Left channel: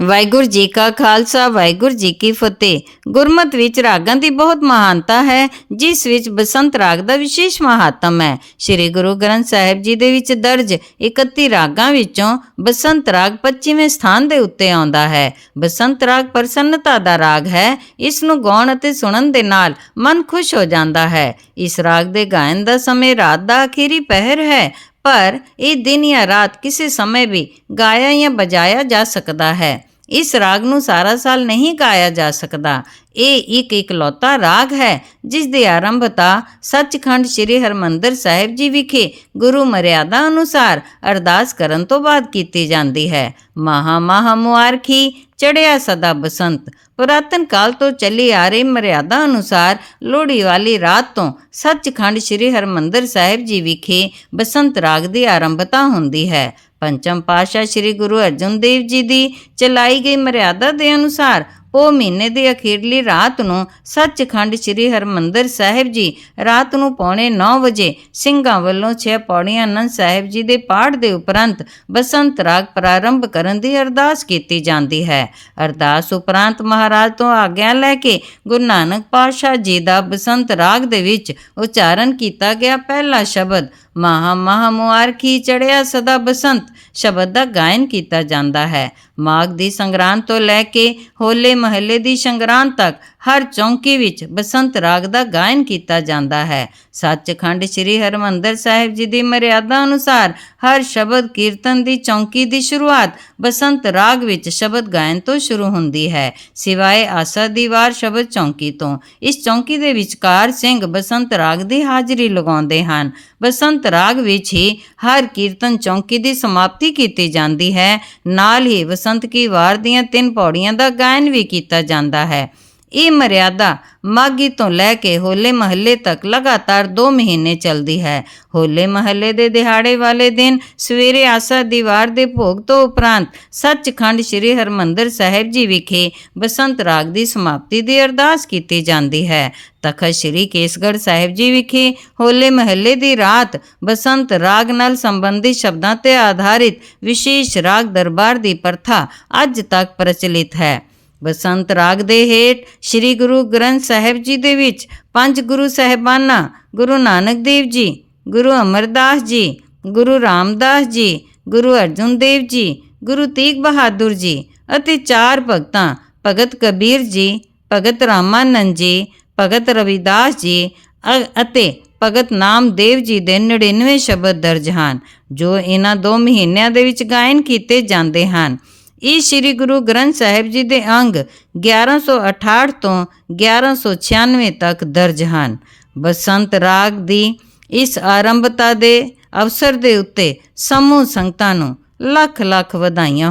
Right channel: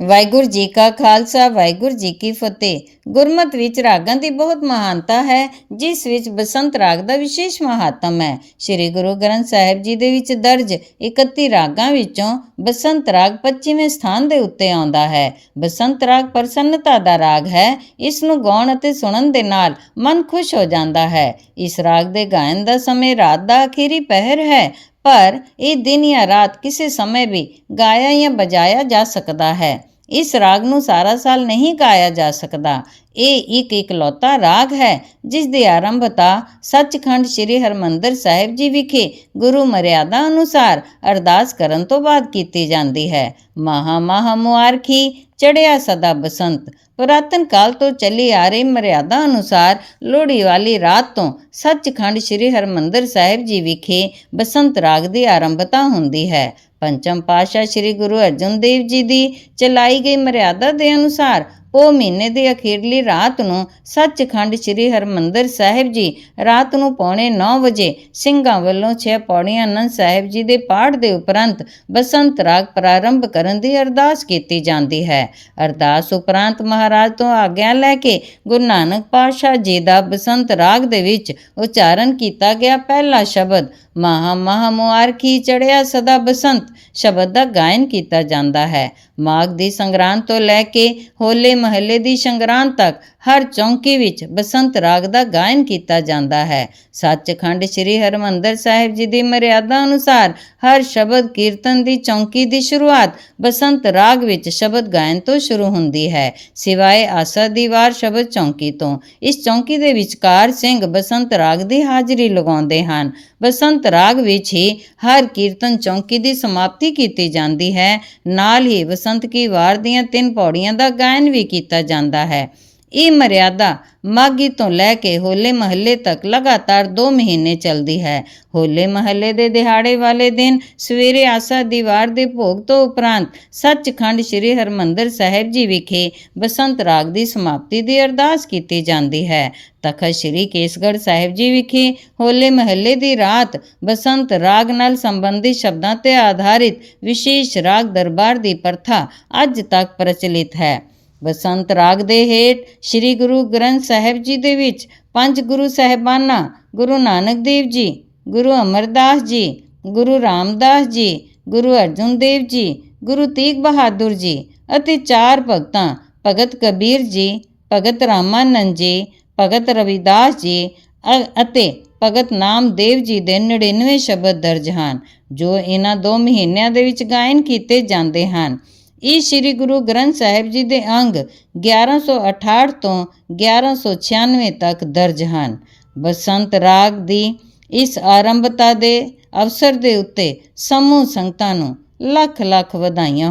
ਵਾਹਿਗੁਰੂ ਜੀ ਕਾ ਖਾਲਸਾ, ਵਾਹਿਗੁਰੂ ਜੀ ਕੀ ਫਤਿਹ। ਗੁਰਮਤ ਵਿੱਚ ਰਾਗਾਂ ਦੀ ਬਹੁਤ ਮਹਾਨਤਾ ਹੈ, ਜਿਸ ਵਿੱਚ ਬਸੰਤ ਰਾਗ ਦਾ ਵਿਸ਼ੇਸ਼ ਮਹਾਤਮ ਹੈ। ਸ੍ਰੀ ਗੁਰੂ ਗ੍ਰੰਥ ਸਾਹਿਬ ਜੀ ਦੇ ਵਿੱਚ ਦਰਜ 31 ਰਾਗਾਂ ਵਿੱਚੋਂ ਬਸੰਤ ਰਾਗ 25ਵੇਂ ਸਥਾਨ ਦੇ ਉੱਤੇ ਆਉਂਦਾ ਹੈ। ਬਸੰਤ ਰਾਗ ਪ੍ਰਸੰਨਤਾ ਦਾ ਰਾਗ ਹੈ, ਇਸ ਨੂੰ ਗਾਉਣ ਅਤੇ ਸੁਣਨ ਦੇ ਨਾਲ ਮਨ ਖੁਸ਼ ਹੋ ਜਾਂਦਾ ਹੈ। ਇਸ ਰਾਗ ਦੇ ਗਾਇਨ ਦਾ ਸਮੇਂ ਰਾਤ ਦਾ ਅਖੀਰੀ ਪਹਿਰ ਹੈ ਪਰ ਇਹ ਦਿਨ ਜਾਂ ਰਾਤ ਕਿਸੇ ਸਮੇਂ ਵੀ ਗਾਇਆ ਜਾਂ ਬਜਾਇਆ ਜਾ ਸਕਦਾ ਹੈ। ਇਸ ਰਾਗ ਨੂੰ ਸਾਰਾ ਸਾਲ ਨਹੀਂ ਗਾਇਆ ਜਾ ਸਕਦਾ। ਇਹ ਇੱਕ ਇਕਲੌਤਾ ਰਾਗ ਹੈ, ਜਿਸ ਦੀ ਆਰੰਭਤਾ ਸੱਚਖੰਡ ਸ੍ਰੀ ਹਰਮੰਦਰ ਸਾਹਿਬ ਜੀ ਵਿਖੇ ਗੁਰੂ ਮਰਿਆਦਾ ਅਨੁਸਾਰ ਅਰਦਾਸ ਕਰਨ ਤੋਂ ਬਾਅਦ ਕੀਤੀ ਜਾਂਦੀ ਹੈ। ਮਹਾ ਮਹਾ ਮੁਆਰਖੀ ਚੜਿਆ ਸਦਾ ਬਸੰਤ, ਪੁਰਾਤਨ ਕਾਲ ਤੋਂ ਚੱਲੀ ਆ ਰਹੀ ਮਰਿਆਦਾ ਅਨੁਸਾਰ ਲੋਹੜੀ ਵਾਲੀ ਰਾਤ ਤੋਂ ਸੱਚਖੰਡ ਸ੍ਰੀ ਹਰਮੰਦਰ ਸਾਹਿਬ ਜੀ ਵਿਖੇ ਬਸੰਤ ਰਾਗ ਦੀ ਆਰੰਭਤਾ ਹੁੰਦੀ ਹੈ। ਪੰਚਮ ਪਾਤਸ਼ਾਹ ਸ੍ਰੀ ਗੁਰੂ ਅਰਜਨ ਦੇਵ ਜੀ ਦੀ ਚਲਾਈ ਗਈ ਮਰਿਆਦਾ ਦੇ ਅਨੁਸਾਰ ਉਹ ਮਹੀਨੇ ਦੇ ਅਖੀਰਲੀ ਰਾਤ ਨੂੰ ਸੱਚਖੰਡ ਸ੍ਰੀ ਹਰਮੰਦਰ ਸਾਹਿਬ ਜੀ ਰਾਤ ਨੂੰ ਪੌਣੇ 9 ਵਜੇ ਸਿੰਘਾਂ ਵੱਲੋਂ ਛੇ ਪੌੜੀਆਂ ਆਨੰਦ ਸਾਹਿਬ ਜੀ ਦੇ ਪਾਠ ਦੇ ਉਪਰੰਤ ਬਸੰਤ ਰਾਗ ਪ੍ਰਾਰੰਭ ਕਰਨ ਦੀ ਅਰਦਾਸ ਕੀਤੀ ਜਾਂਦੀ ਹੈ। ਅਰਦਾਸ ਉਪਰੰਤ ਮਹਾਰਾਜ ਤੋਂ ਆਗਿਆ ਲੈ ਕੇ ਗੁਰੂ ਨਾਨਕ ਪਾਤਸ਼ਾਹ ਜੀ ਦਾ ਬਸੰਤ ਰਾਗ ਦੇ ਵਿੱਚ ਉਚਾਰਨ ਕੀਤਾ ਗਿਆ ਪਹਿਲਾ ਸ਼ਬਦ ਮਹਾ ਮਹਾ ਮੁਆਰਖੀ ਚੜਿਆ ਸਦਾ ਬਸੰਤ, ਸ਼ਬਦ ਦਾ ਗਾਇਨ ਕੀਤਾ ਜਾਂਦਾ ਹੈ। ਮਾਘ ਦੀ ਸੰਗਰਾਂਦ ਤੋਂ ਲੈ ਕੇ ਹੋਲੇ ਮਹੱਲੇ ਦੀ ਸੰਗਰਾਂਦ ਤੱਕ ਹਰ ਚੌਂਕੀ ਵਿੱਚ ਬਸੰਤ ਰਾਗ ਦਾ ਗਾਇਨ ਕੀਤਾ ਜਾਂਦਾ ਹੈ। ਸੱਚਖੰਡ ਸ੍ਰੀ ਹਰਮੰਦਰ ਸਾਹਿਬ ਜੀ ਦੀ ਮਰਿਆਦਾ ਅਨੁਸਾਰ ਹਰ ਸ਼ਬਦ ਕੀਰਤਨ ਦੀ ਚੌਂਕੀ ਦੀ ਸ਼ੁਰੂਆਤ ਬਸੰਤ ਰਾਗ ਵਿੱਚ ਸ਼ਬਦ ਗਾਇਨ ਤੋਂ ਸ਼ੁਰੂ ਹੁੰਦੀ ਹੈ। ਸਿਵਾਏ ਆਸਾ ਦੀ ਵਾਰ ਸ਼ਬਦ ਚੌਂਕੀ ਤੋਂ। ਇਸ ਚੌਂਕੀ ਦੇ ਵਿਚਕਾਰ ਸਿੰਘ ਬਸੰਤ ਰਾਗ ਦੀ ਹਾਜ਼ਰੀ ਲਗਾਉਂਦੇ ਹਨ। ਬਸੰਤ ਰਾਗ ਵਿੱਚ ਹੀ ਹਰ ਕੀਰਤਨ ਚੌਂਕੀ ਦੀ ਸਮਾਪਤੀ ਕੀਤੀ ਜਾਂਦੀ ਹੈ। ਨਾਲ ਹੀ ਬਸੰਤ ਕੀ ਵਾਰ ਦੀਆਂ ਤਿੰਨ ਪੌੜੀਆਂ ਦਾ ਗਾਇਨ ਵੀ ਕੀਤਾ ਜਾਂਦਾ ਹੈ। ਇਹ ਮਰਿਆਦਾ ਮਾਗੀ ਤੋਂ ਲੈ ਕੇ ਹੋਲੇ ਮਹੱਲੇ ਤੱਕ ਲਗਾਤਾਰ 2 ਮਹੀਨੇ ਚੱਲਦੀ ਹੈ। ਹੋਲੇ ਮਹੱਲੇ ਦੇ ਦਿਹਾੜੇ ਵਾਲੇ ਦਿਨ ਸਵੇਰੇ ਆਸਾ ਦੀਵਾਰ ਦੇ ਭੋਗ ਤੋਂ ਉਪਰੰਤ ਸੱਚਖੰਡ ਸ੍ਰੀ ਹਰਮੰਦਰ ਸਾਹਿਬ ਜੀ ਵਿਖੇ ਬਸੰਤ ਰਾਗ ਦੀ ਸਮਾਪਤੀ ਦੀ ਅਰਦਾਸ ਕੀਤੀ ਜਾਂਦੀ ਹੈ। ਤਖਤ ਸ੍ਰੀ ਕੇਸਗੜ੍ਹ ਸਾਹਿਬ ਜੀ ਵਿਖੇ ਹੋਲੇ ਮਹੱਲੇ ਦੀ ਰਾਤ ਬਸੰਤ ਰਾਗ ਨਾਲ ਸੰਬੰਧਿਤ ਸ਼ਬਦਾਂ ਤੇ ਆਧਾਰਿਤ ਵਿਸ਼ੇਸ਼ ਰਾਗ ਦਰਬਾਰ ਦੀ ਪ੍ਰਥਾ ਅੱਜ ਤੱਕ ਪ੍ਰਚਲਿਤ ਹੈ। ਬਸੰਤ ਰਾਗ ਦੇ ਹੇਠ ਸ੍ਰੀ ਗੁਰੂ ਗ੍ਰੰਥ ਸਾਹਿਬ ਜੀ ਦੇ ਵਿੱਚ ਪੰਜ ਗੁਰੂ ਸਹਿਬਾਨਾਂ, ਗੁਰੂ ਨਾਨਕ ਦੇਵ ਜੀ, ਗੁਰੂ ਅਮਰਦਾਸ ਜੀ, ਗੁਰੂ ਰਾਮਦਾਸ ਜੀ, ਗੁਰੂ ਅਰਜਨ ਦੇਵ ਜੀ, ਗੁਰੂ ਤੇਗ ਬਹਾਦਰ ਜੀ ਅਤੇ ਚਾਰ ਭਗਤਾਂ, ਭਗਤ ਕਬੀਰ ਜੀ, ਭਗਤ ਰਾਮਾਨੰਦ ਜੀ, ਭਗਤ ਰਵਿਦਾਸ ਜੀ ਅ- ਅਤੇ ਭਗਤ ਨਾਮਦੇਵ ਜੀ ਦੇ 99 ਸ਼ਬਦ ਦਰਜ ਹਨ, ਜੋ ਇਹਨਾਂ ਦੋ ਮਹੀਨਿਆਂ ਦੇ ਵਿੱਚ ਗਾਇਨ ਕੀਤੇ ਜਾਂਦੇ ਹਨ। ਇਹ ਸ੍ਰੀ ਗੁਰੂ ਗ੍ਰੰਥ ਸਾਹਿਬ ਜੀ ਦੇ ਅੰਗ 1168 ਤੋਂ 1196 ਤੱਕ ਦਰਜ ਹਨ। ਬਸੰਤ ਰਾਗ ਦੀ ਇਸ ਆਰੰਭਤਾ ਦੇ ਅਵਸਰ ਦੇ ਉੱਤੇ ਸਮੂਹ ਸੰਗਤਾਂ ਨੂੰ ਲੱਖ ਲੱਖ ਵਧਾਈਆਂ